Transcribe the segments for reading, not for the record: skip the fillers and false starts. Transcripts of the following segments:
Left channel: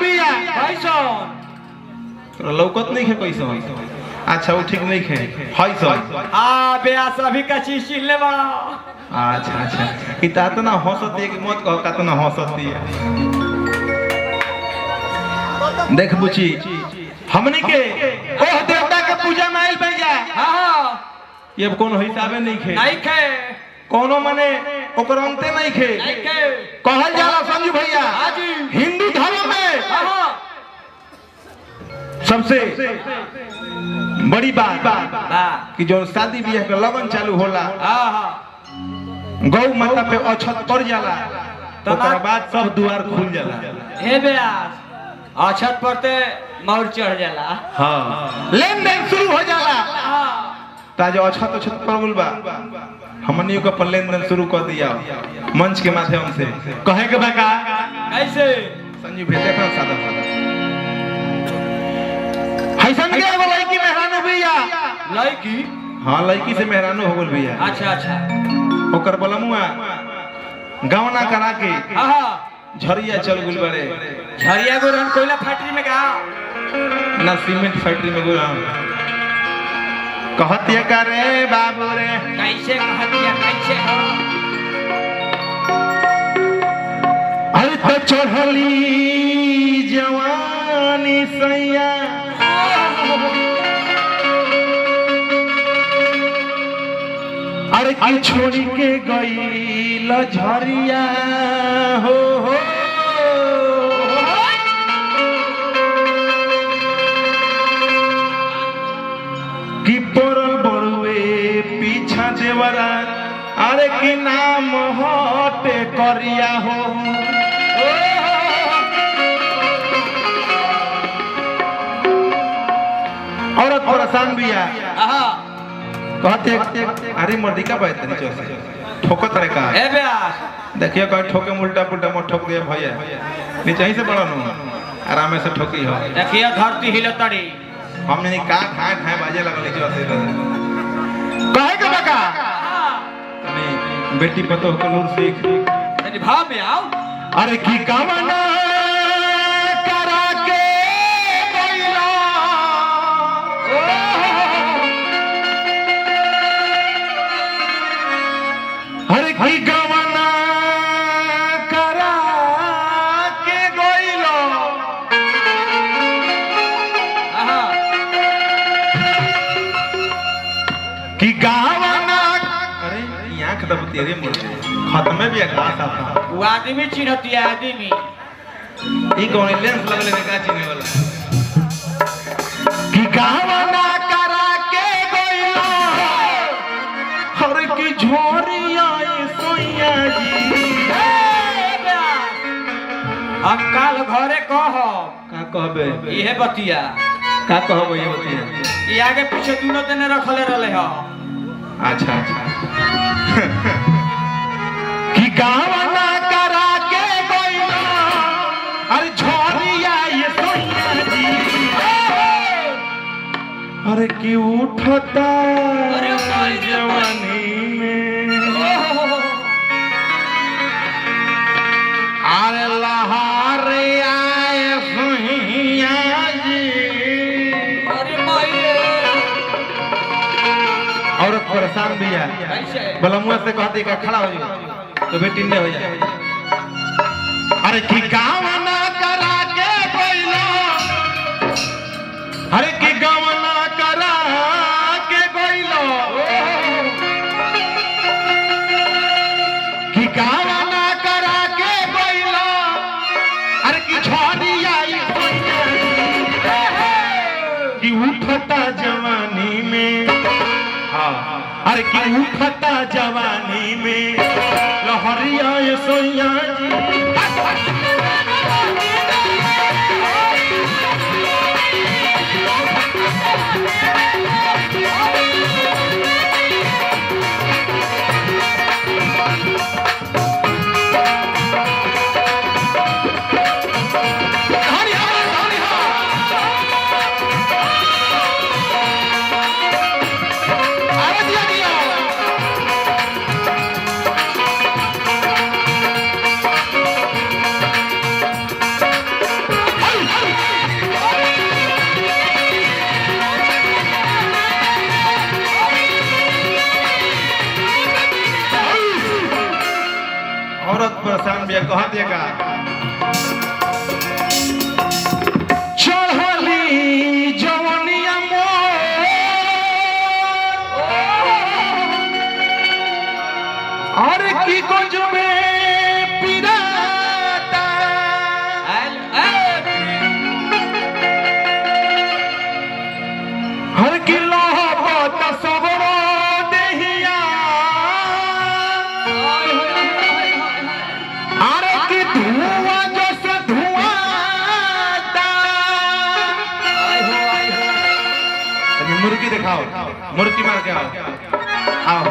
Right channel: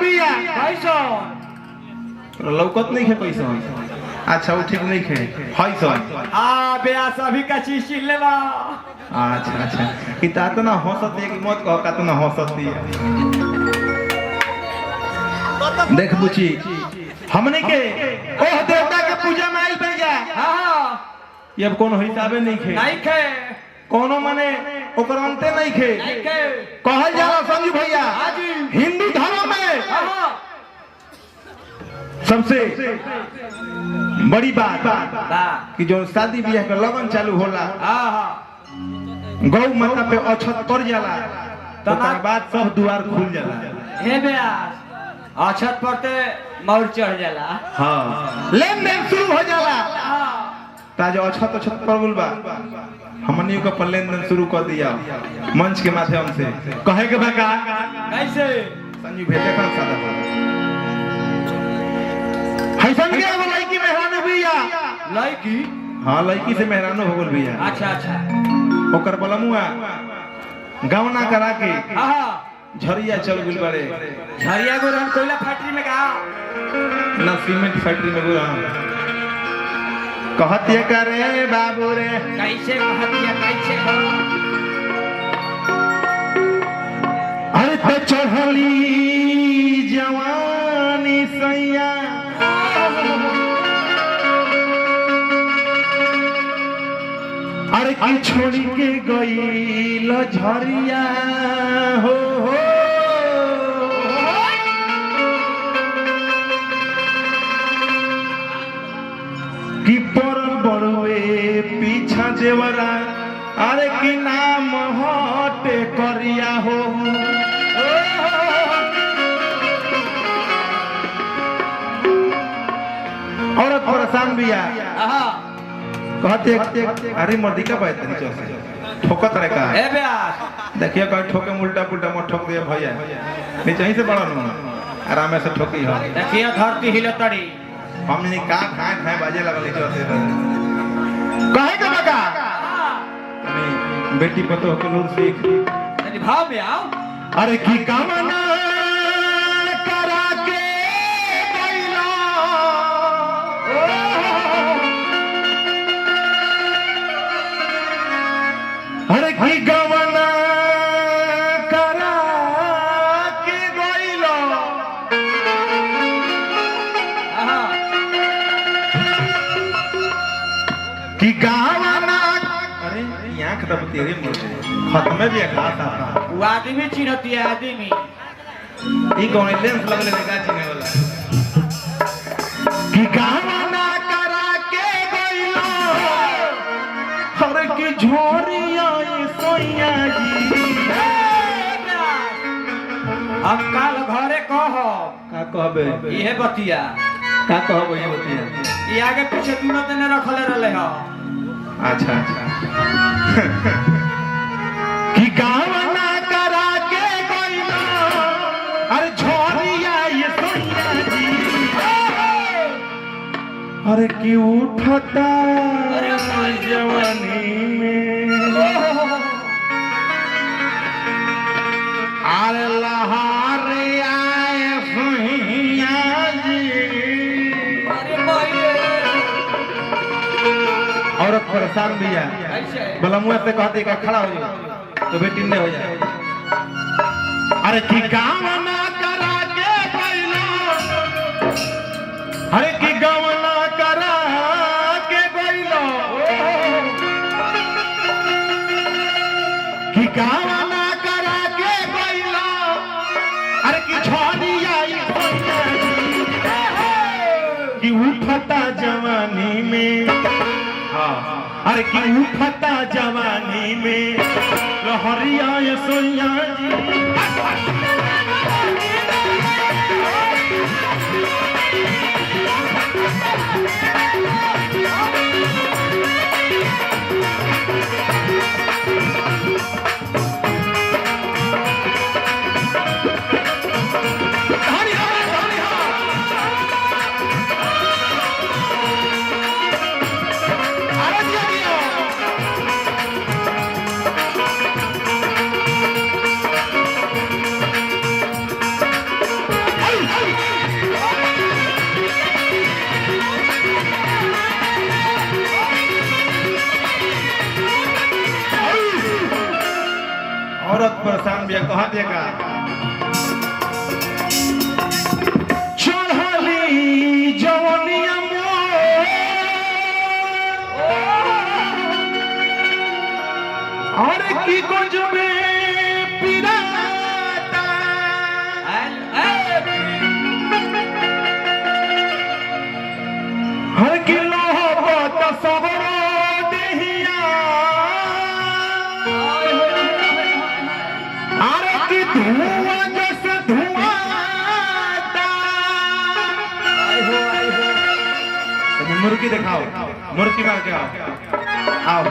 बिया कैसन लौकत नहीं है कैसन। अच्छा वो ठीक नहीं है हाय सर बेया सभी का चीज छीन ले बा। अच्छा अच्छा कि तातो ना हंसती है कि मत कहो तातो ना हंसती है। देख बुची हमने के ओह देवता के पूजा में आइल बन जा। हां ये अब कोनो हिसाबे नहीं खे नहीं खे कोनो माने ओकर अंते नहीं खे नहीं खे कहल जाला समझ भैया। हां जी हिंदू धर्म में हां सबसे बड़ी बात बा कि जो शादी ब्याह के लगन चालू होला हां गौ माता पे अछत पड़ जाला ओकर बाद सब द्वार खुल जाला। हे बेया अछत पड़ते मौर चढ़ जाला। हां लेन देन शुरू हो जाला। हां ताज अछत अछत पड़ गइल बा हमनी को अपन लेन देन शुरू कर दिया मंच के माध्यम से कहे के बा का कैसे संजीव भेटे का सादा हैसन के एगो लड़की मेहरानो बिया लड़की हां लड़की से मेहरानो हो गइल बिया। अच्छा अच्छा ओकर बलमुआ गवना करा के हां झरिया चल गइल बारे। झरिया गोरन कोयला फैक्ट्री में का ना सीमेंट फैक्ट्री में गुरा कहत ये करे बाबू रे कैसे कहतिया कैसे अरे तो चढ़ली जवानी सैया अरे की छोड़ी के गई झरिया हो कि परल बड़ुए पीछा देवरा अरे की नाम हटे करिया हो। औरत परेशान बिया कहते अरे मर्दी का बात नहीं चल ठोकत रे का ए बेया देखियो कहीं ठोके उल्टा पुल्टा मत ठोक दिए भैया नीचे ही से बड़ा नु आराम से ठोकी हो। देखिए धरती हिलतड़ी हमने का खाए खाए बाजे लगल चलते कहे के बका नहीं बेटी पतो को नूर सीख मेरी भाव में आओ। अरे की कामना करा के गइला अरे की गवना करा के गइला कि गावना अरे आंख दब तेरे मुंह खत्म भी खास आपा वो आदमी चिन्हती है आदमी ई कौन लेंस लगले का चिने वाला कि गावना करा के गइला हर की झोरिया सोइया जी अंकाल घरे कह का कहबे इहे बतिया का कहबो ये बतिया ई आगे पीछे दोनों दिन रखले रहले ह। अच्छा अच्छा कि गावना करा के गइला अरे झोरिया ये सोइया जी अरे की उठता अरे माय जवानी में अल्लाह रे आए सोइया जी अरे माय औरत परेशान बिया कैसे बलमुआ से कहते का खड़ा हो जाओ तो बेटी ने हो जाए। अरे की गावना करा के गइला अरे की गावना करा के गइला की गावना करा के गइला अरे की झोरिया की उठता जवानी में हाँ अरे की उठता जवानी में लहरिया ये सोइया जी परेशान भी कहा देगा चढ़ली जवनिया और की कुछ में पिराता हर किलो होता सबरो देहिया अरे की धुआं जैसे धुआंता मुर्गी दिखाओ मुर्गी मार के आओ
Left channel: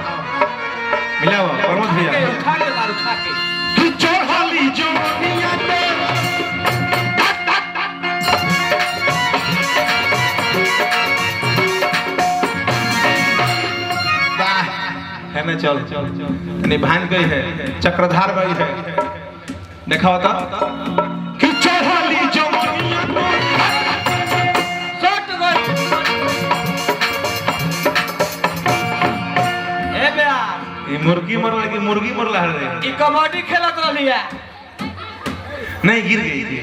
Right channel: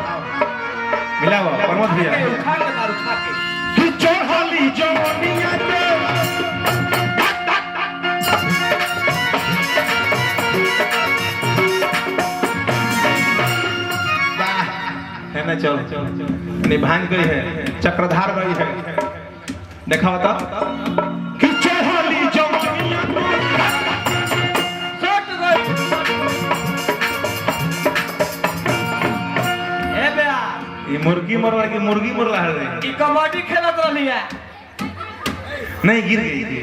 मिलाओ प्रमोद भैया उठा के मार उठा के कि चढ़ली जवनिया है मैं चल निभान गई है चक्रधार गई है देखा होता कि चढ़ली जवनिया शॉट गई ए बे ये मुर्गी मरला कि मुर्गी मरला है ई कबड्डी खेलत रहली है नहीं गिर गई थी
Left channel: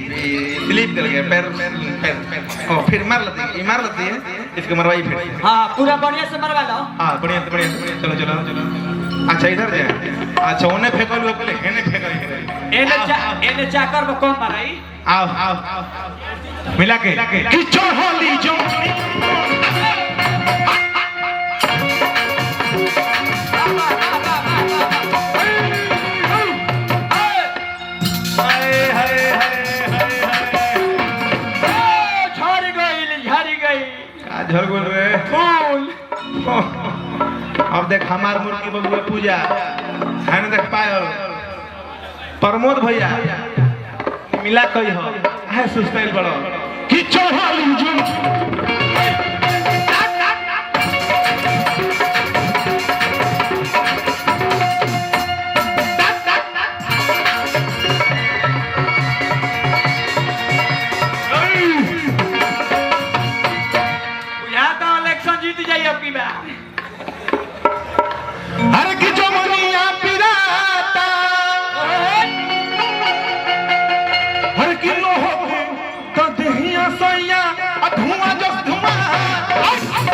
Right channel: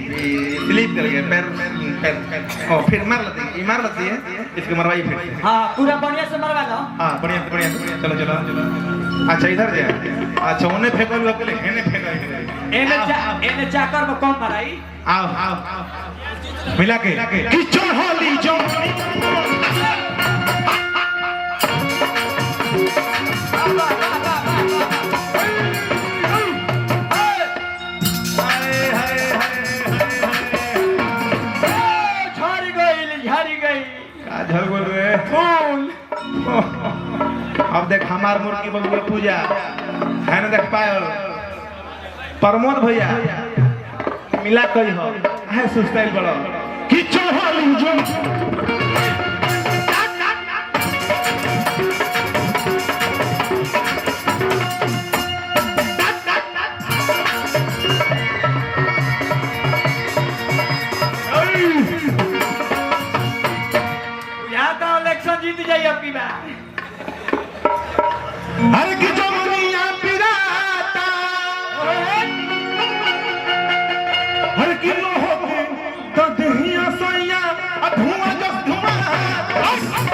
स्लिप कर गया पैर पैर ओ फिर मार लेती है इसको मरवाई फिर हां पूरा बढ़िया से मरवा लो हाँ बढ़िया चलो चलो अच्छा इधर जा अच्छा उन्हें फेंको लो पहले हेने फेंको एने चाकर में कौन माराई आओ मिला के कि चढ़ली जवनिया झड़ गई का झड़ बोल रहे फूल अब देख हमार मुर्गी बबुआ पूजा है ना देख पायो प्रमोद भैया मिला कोई हो है सुस्ताइल बड़ो कि चढ़ली जवनिया यहाँ तो इलेक्शन जीत जाइए आपकी बात हर की जवनिया पिराता हर किलो होके तो दहिया सैया धुआं जस धुआं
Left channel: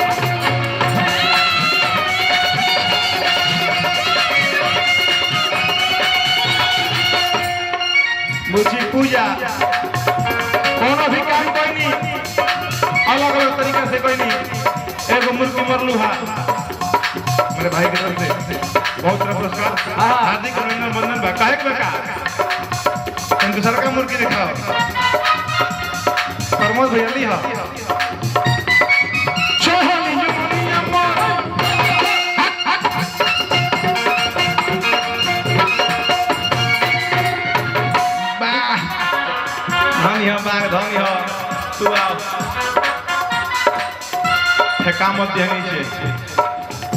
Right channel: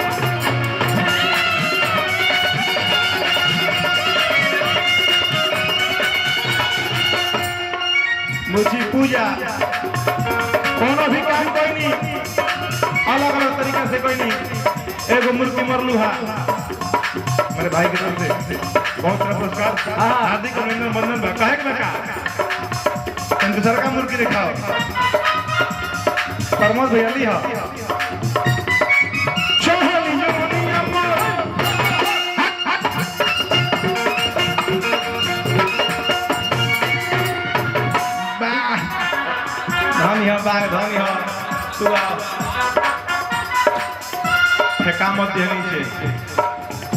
मुझी पूजा कोनो भी काम करनी अलग अलग तरीका से करनी एगो मुर्गी मरलू हा मेरे भाई की तरफ से बहुत सारा पुरस्कार हार्दिक अभिनंदन बंधन बा काहे के बका तुम दूसरा का मुर्गी दिखाओ प्रमोद भैया ली हा चढ़ली जवनिया धनी हो बाग धनी हो तू आओ फेंका मत दिया नीचे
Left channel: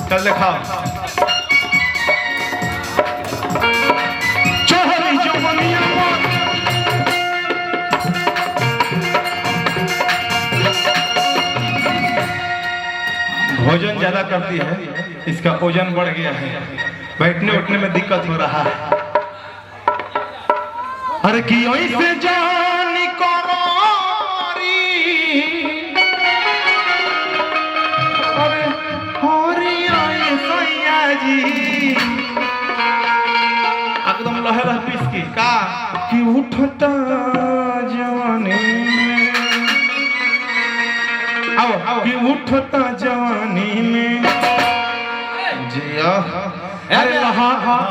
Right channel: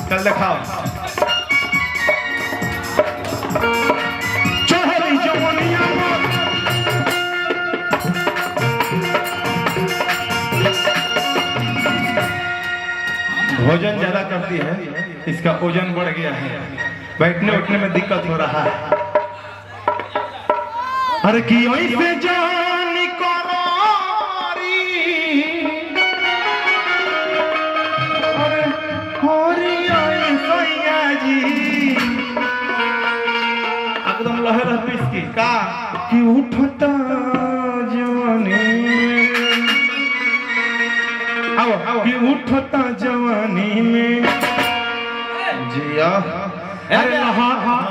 चल दिखाओ चढ़ली जवनिया भोजन ज्यादा करती है इसका ओजन बढ़ गया है बैठने उठने में दिक्कत हो रहा है अरे की ऐसे जानी करोरी अरे होरी आई सैया जी एकदम लहे लहे पीस की का कि उठता जवानी आओ कि उठता जवानी में जिया अरे हाँ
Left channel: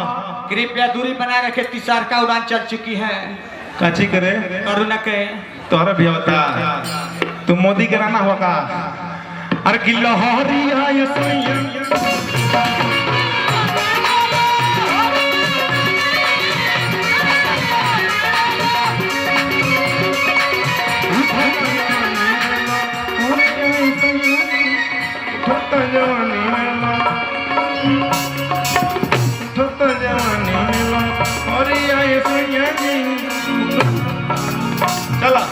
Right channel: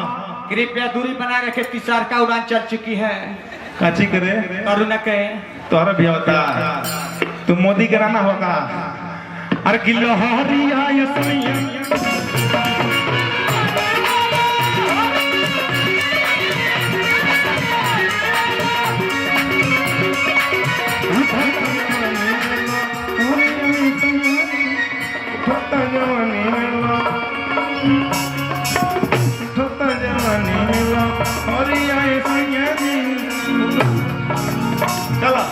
कृपया दूरी बनाए रखे तिसार का उड़ान चल चुकी है काची करे करुणा के तोहरा भी होता तू मोदी के राना होगा अरे कि लहरी आई सैया उठता जवानी में चला